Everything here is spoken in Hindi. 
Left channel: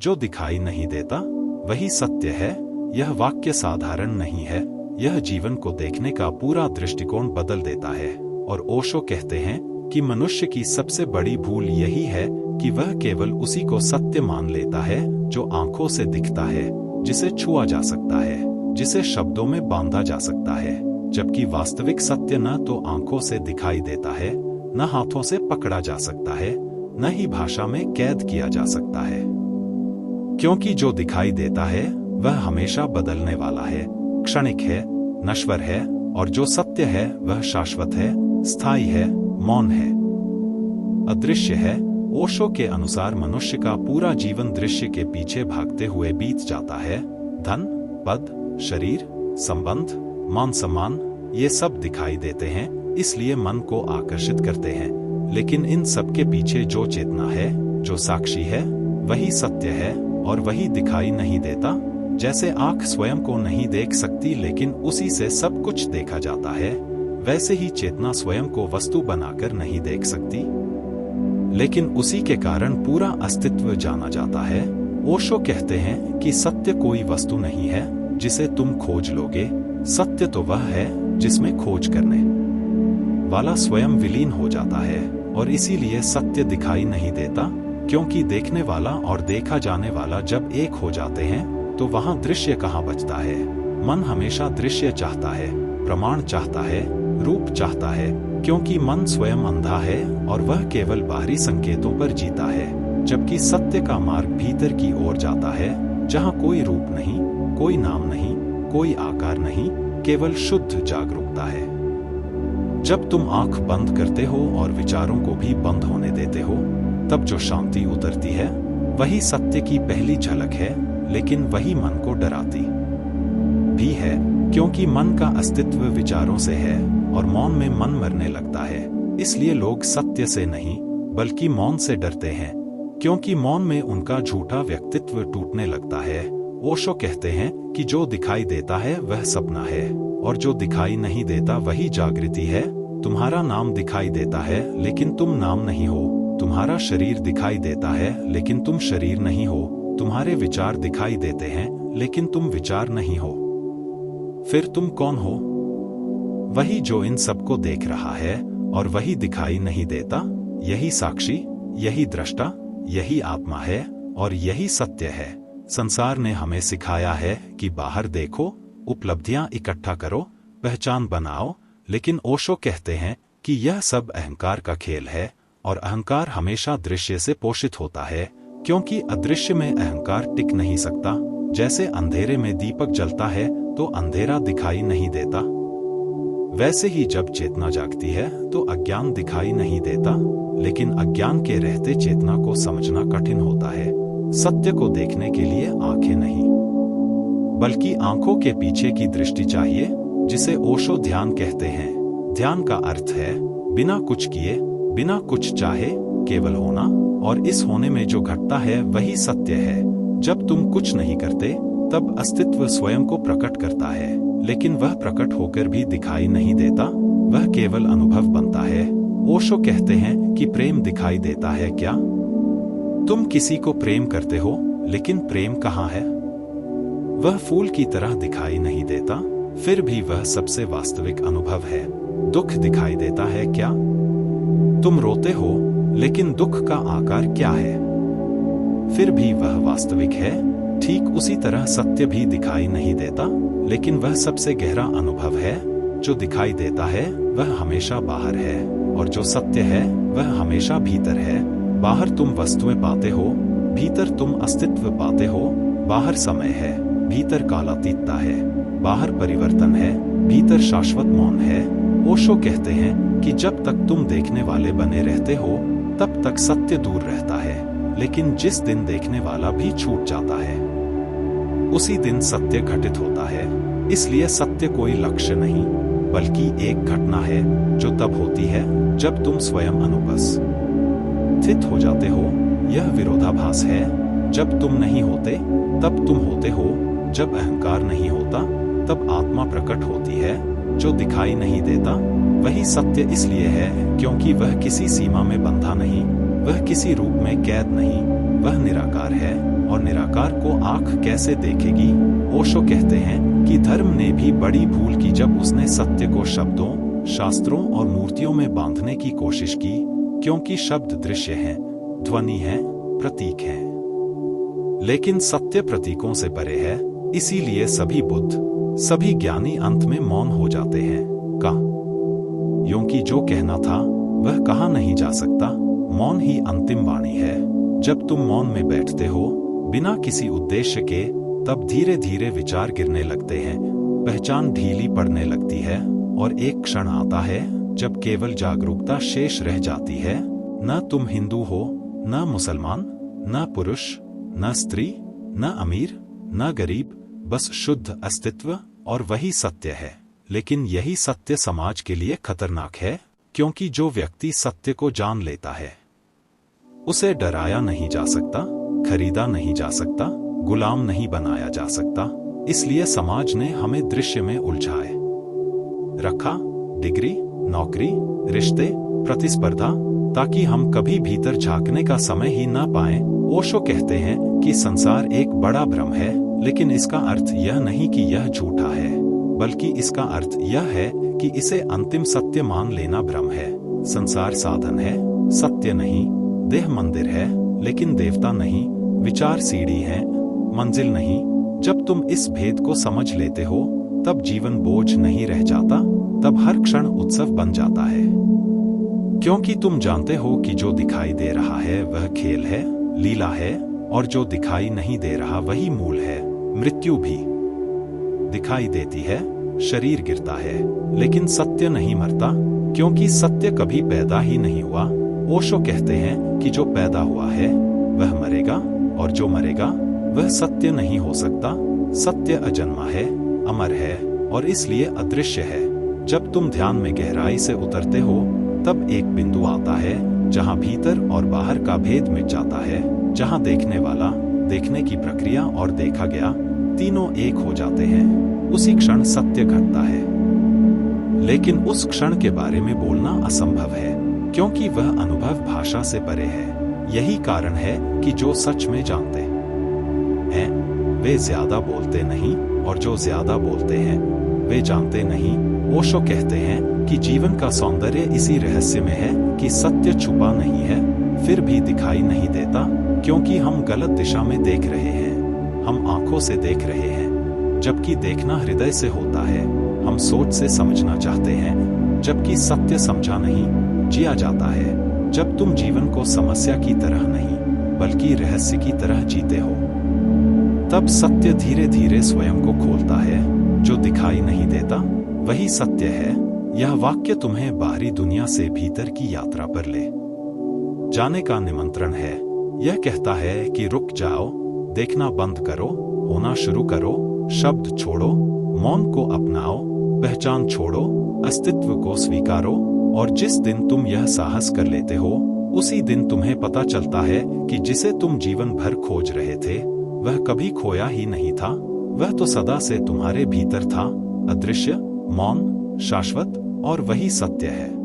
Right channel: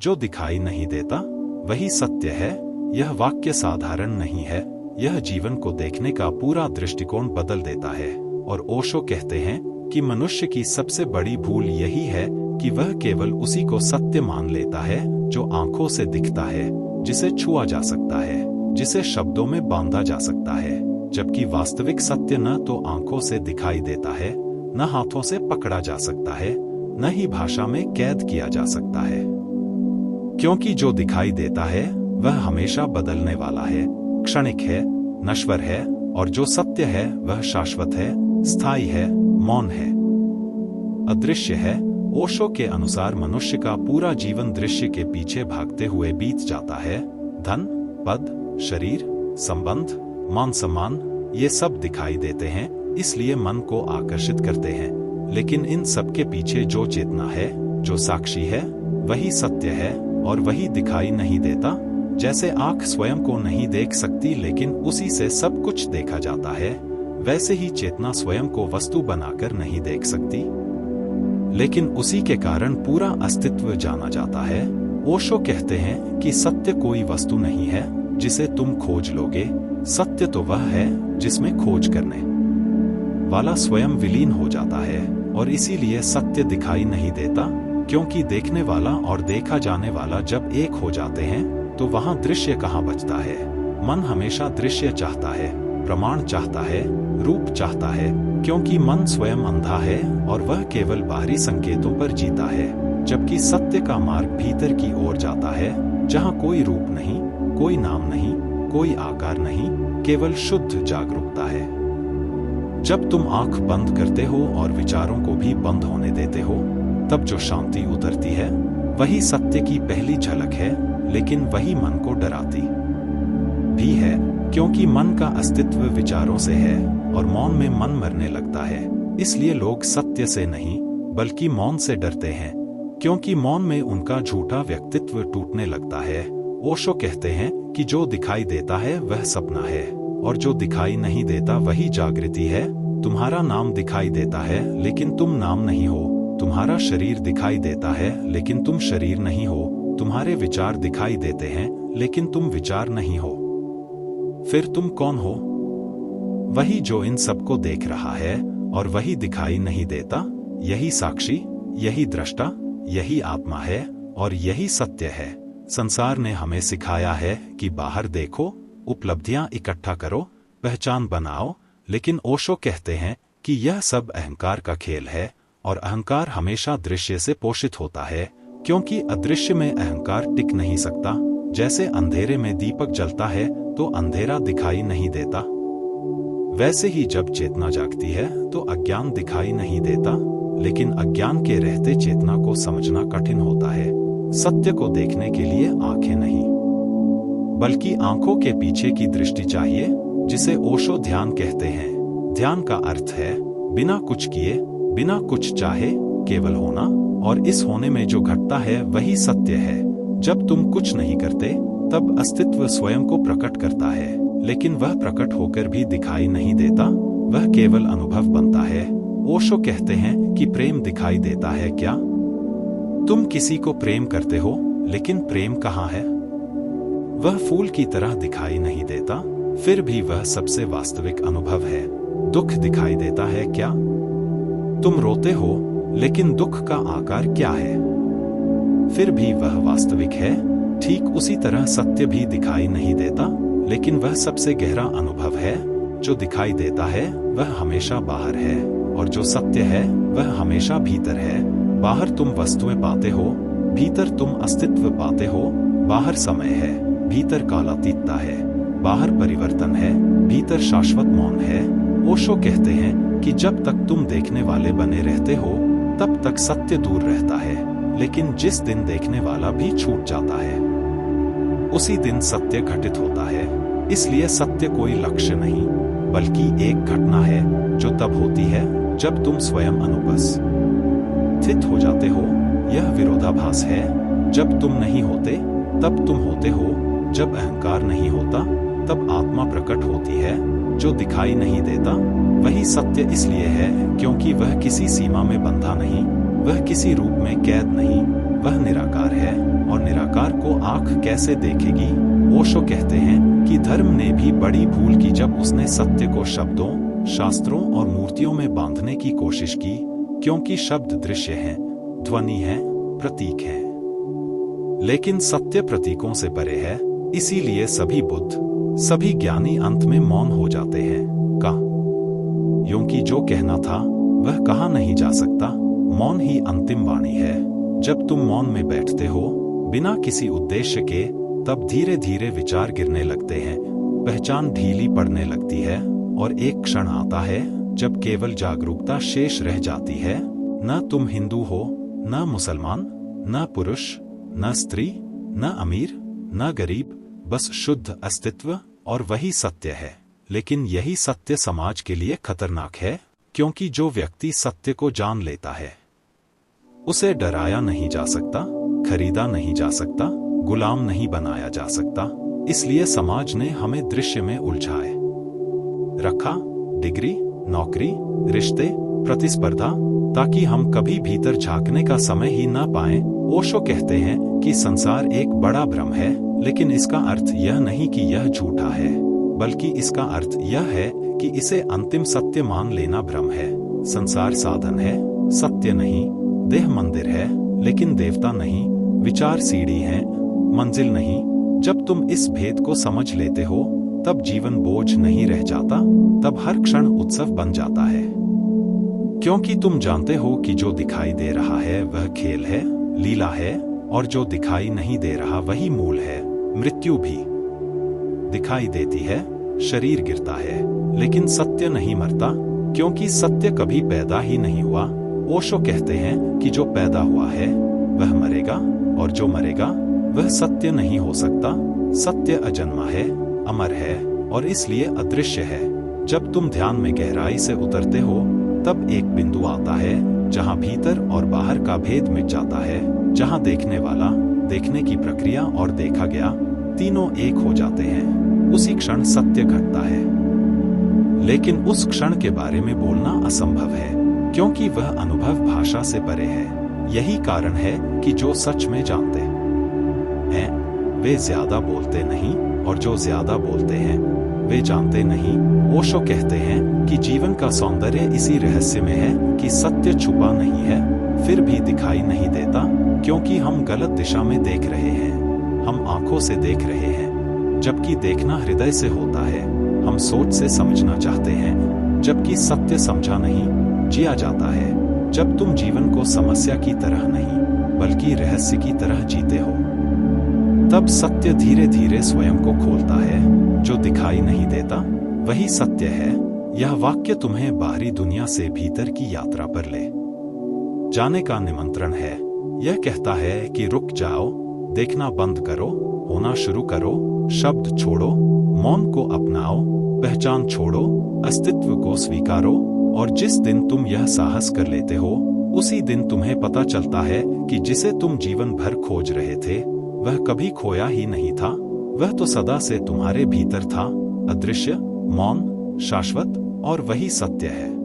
जो दिखाई नहीं देता वही सत्य है। यह वाक्य साधारण नहीं है, यह जीवन को देखने का पूरा दृष्टिकोण बदल देता है। और ओशो कहते हैं कि मनुष्य की सबसे बड़ी भूल यही है कि वह केवल उसी को सत्य मान लेता है जो आंखों से दिखता है, जिसे छुआ जा सकता है, जिसे शब्दों में बांधा जा सकता है, जबकि वास्तविक सत्य न तो आंखों से दिखाई देता है, न हाथों से पकड़ा जा सकता है, न ही भाषा में कैद किया जा सकता है। क्योंकि जो दिखाई देता है वह हमेशा बदलने वाला है, क्षणिक है, नश्वर है, और जो सत्य है वह शाश्वत है, स्थायी है, मौन है, अदृश्य है। ओशो के अनुसार मनुष्य का पूरा जीवन दृश्य के पीछे भागते हुए बीत जाता है। धन, पद, शरीर, संबंध, मान सम्मान, ये सब दिखाई देते हैं, इसलिए मन को आकर्षित करते हैं। लेकिन इन सब के पीछे जो चेतना है, जो साक्षी है, वही सत्य है और वही दिखाई नहीं देता। जैसे आंख स्वयं को नहीं देख सकती लेकिन उसी से सब कुछ देखा जाता है, वैसे ही चेतना स्वयं को वस्तु बनाकर नहीं देख सकती, लेकिन उसी के कारण पूरा अस्तित्व जाना जाता है। ओशो कहते हैं कि सत्य कोई वस्तु नहीं है जिसे तुम खोज लोगे, सत्य तो वह है जिसमें खोज करने वाला स्वयं विलीन हो जाता है। और इसीलिए सत्य दिखाई नहीं देता, क्योंकि देखने वाला और देखा जाने वाला जब एक हो जाते हैं तो वहां दृश्य कहाँ बचता है। मन हमेशा दृश्य चाहता है, प्रमाण चाहता है, रूप चाहता है, क्योंकि मन स्वयं अंधा है और वह केवल बाहरी संकेतों पर जीता है, जबकि सत्य का मार्ग भीतर की ओर जाता है, जहां कोई रूप नहीं, कोई नाम नहीं, कोई आकार नहीं, केवल शुद्ध जागरूकता है। जब तुम आंख बंद करते हो और विचारों को भी बंद होने देते हो, तब जो शांति उतरती है वही सत्य की पहली झलक है, लेकिन वही मन को डराती भी है, क्योंकि मन का अस्तित्व विचारों से है और मौन में मन मरने लगता है। इसलिए लोग सत्य से नहीं बल्कि मौन से डरते हैं, क्योंकि मौन में उनका झूठा व्यक्तित्व टूटने लगता है। ओशो कहते हैं कि जो दिखाई देता है वह सपना है और जो दिखाई नहीं देता वही जागृति है। तुम्हारा नाम दिखाई देता है लेकिन तुम नाम नहीं हो, तुम्हारा शरीर दिखाई देता है लेकिन तुम शरीर नहीं हो, तुम्हारे विचार दिखाई देते हैं लेकिन तुम विचार नहीं हो। फिर तुम कौन हो? वही जो इन सबको देख रहा है और वही दिखाई नहीं देता। यही साक्षी, यही दृष्टा, यही आत्मा है और यही सत्य है। संसार ने हमें सिखाया है कि बाहर देखो, उपलब्धियां इकट्ठा करो, पहचान बनाओ, लेकिन ओशो कहते हैं कि यह सब अहंकार का खेल है और अहंकार हमेशा दृश्य से पोषित होता है, क्योंकि अदृश्य में अहंकार टिक नहीं सकता। जैसे अंधेरे में दीपक जलता है तो अंधेरा दिखाई नहीं देता, वैसे ही जब चेतना जागती है तो अज्ञान दिखाई नहीं देता, लेकिन अज्ञान के रहते चेतना को समझना कठिन होता है। सत्य को देखने के लिए आंखें नहीं बल्कि आंखों के पीछे की दृष्टि चाहिए, जिसे ओशो ध्यान कहते हैं। ध्यान का अर्थ है बिना कुछ किए, बिना कुछ चाहे, केवल होना, और इस होने में जो घटता है वही सत्य है। जब तुम कुछ नहीं करते तब अस्तित्व स्वयं को प्रकट करता है, लेकिन वह प्रकट होकर भी दिखाई नहीं देता, वह केवल अनुभव बनता है। ओशो कहते हैं कि प्रेम दिखाई देता है क्या? तुम किसी को प्रेम करते हो, लेकिन प्रेम कहाँ है? वह फूल की तरह दिखाई नहीं देता, फिर भी वह सबसे वास्तविक अनुभव है। दुख दिखाई देता है क्या? तुम रोते हो, लेकिन दुख का आकार क्या है? फिर भी वह वास्तविक है। ठीक उसी तरह सत्य भी दिखाई नहीं देता, लेकिन वह सबसे गहरा अनुभव है। जो दिखाई देता है वह हमेशा बाहर है और जो सत्य है वह हमेशा भीतर है। बाहर तुम वस्तुएं पाते हो, भीतर तुम अस्तित्व पाते हो। बाहर समय है, भीतर कालातीतता है। बाहर परिवर्तन है, भीतर शाश्वत मौन है। ओशो कहते हैं कि जब तक तुम देखने वाले बने रहते हो तब तक सत्य दूर रहता है, लेकिन जिस दिन देखने वाला भी छूट जाता है उसी दिन सत्य घटित होता है। इसलिए सत्य कोई लक्ष्य नहीं बल्कि एक घटना है जो तब होती है जब तुम स्वयं अनुपस्थित हो जाते हो। यह विरोधाभास है। जब तुम नहीं होते तब तुम होते हो, जब अहंकार नहीं होता तब आत्मा प्रकट होती है। जो दिखाई नहीं देता वही सत्य इसलिए है क्योंकि वह किसी सीमा में बंधा नहीं, वह किसी रूप में कैद नहीं, वह निराकार है और निराकार को आंख कैसे देखेगी? ओशो कहते हैं कि धर्म ने भी बड़ी भूल की जब उसने सत्य को शब्दों, शास्त्रों और मूर्तियों में बांधने की कोशिश की, क्योंकि शब्द दृश्य हैं, ध्वनि है, प्रतीक हैं। लेकिन सत्य प्रतीकों से परे है, इसीलिए सभी बुद्ध, सभी ज्ञानी अंत में मौन हो जाते हैं। क्योंकि जो कहना था वह कहा नहीं जा सकता। मौन ही अंतिम वाणी है। जब तुम मौन में बैठते हो बिना किसी उद्देश्य के, तब धीरे धीरे विचार गिरने लगते हैं, पहचान ढीली पड़ने लगती है और एक क्षण आता है जब केवल जागरूकता शेष रह जाती है। न तुम हिंदू हो, न मुसलमान, न पुरुष, न स्त्री, न अमीर, न गरीब, बस शुद्ध अस्तित्व, और वही सत्य है। लेकिन यही सत्य समाज के लिए खतरनाक है, क्योंकि जो व्यक्ति सत्य को जान लेता है उसे डराया नहीं जा सकता, खरीदा नहीं जा सकता, गुलाम नहीं बनाया जा सकता। इसलिए समाज ने हमें दृश्य में उलझाए रखा, डिग्री, नौकरी, रिश्ते, प्रतिस्पर्धा, ताकि हम कभी भीतर झांकने का समय ही ना पाएं। ओशो कहते हैं कि संसार एक बड़ा भ्रम है, लेकिन इसका अर्थ यह नहीं कि यह झूठा है, बल्कि इसका अर्थ यह है कि इसे अंतिम सत्य मान लेना भ्रम है। संसार साधन है, सत्य नहीं। देह मंदिर है, लेकिन देवता नहीं। विचार सीढ़ी है, मंजिल नहीं। जब तुम इस भेद को समझ लेते हो, तब जीवन बोझ नहीं रह जाता, तब हर क्षण उत्सव बन जाता है। क्योंकि तुम जानते हो कि जो दिखाई दे रहा है वह खेल है, लीला है, और जो दिखाई नहीं दे रहा वही मूल है। मृत्यु भी दिखाई देती है, शरीर गिरता है, लेकिन सत्य नहीं मरता, क्योंकि सत्य कभी पैदा ही नहीं हुआ। ओशो कहते हैं कि जो पैदा हुआ है वह मरेगा, और जो मरेगा वह सत्य नहीं हो सकता। सत्य अजन्मा है, अमर है, और इसलिए अदृश्य है। जब तुम ध्यान में गहराई से उतरते हो, तब एक बिंदु आता है जहां भीतर और बाहर का भेद मिट जाता है, जहां देखने वाला, देखने की प्रक्रिया और देखा गया तीनों एक हो जाते हैं। उसी क्षण सत्य घटता है। लेकिन उस क्षण के बारे में बोलना असंभव है, क्योंकि वह अनुभव भाषा से परे है। यही कारण है कि जो सच में जानते हैं वे ज्यादा बोलते नहीं, और जो ज्यादा बोलते हैं वे जानते नहीं। ओशो कहते हैं कि जीवन का सौंदर्य इसी रहस्य में है कि सत्य छुपा नहीं है, फिर भी दिखाई नहीं देता, क्योंकि हम गलत दिशा में देख रहे हैं। हम आंखों से देख रहे हैं, जबकि देखना हृदय से होता है। हम सोच से समझना चाहते हैं, जबकि सत्य समझा नहीं, जिया जाता है। जब तुम जीवन को समस्या की तरह नहीं, बल्कि रहस्य की तरह जीते हो, तब सत्य धीरे धीरे स्वयं को खोलता है। जो दिखाई नहीं देता वही सत्य है। यह वाक्य तुम्हें बाहरी दुनिया से भीतर की यात्रा पर ले जाने का निमंत्रण है। यह कहता है कि रुक जाओ, देखना बंद करो, होना शुरू करो, शब्द छोड़ो, मौन को अपनाओ, पहचान छोड़ो, अस्तित्व को स्वीकारो। और जिस दिन तुम यह साहस कर लेते हो, उसी दिन तुम्हें पता चलता है कि जिसे तुम जीवन भर खोज रहे थे वह कभी खोया ही नहीं था। वह तो सदा से तुम्हारे भीतर था, अदृश्य, मौन, शाश्वत, और वही सत्य है।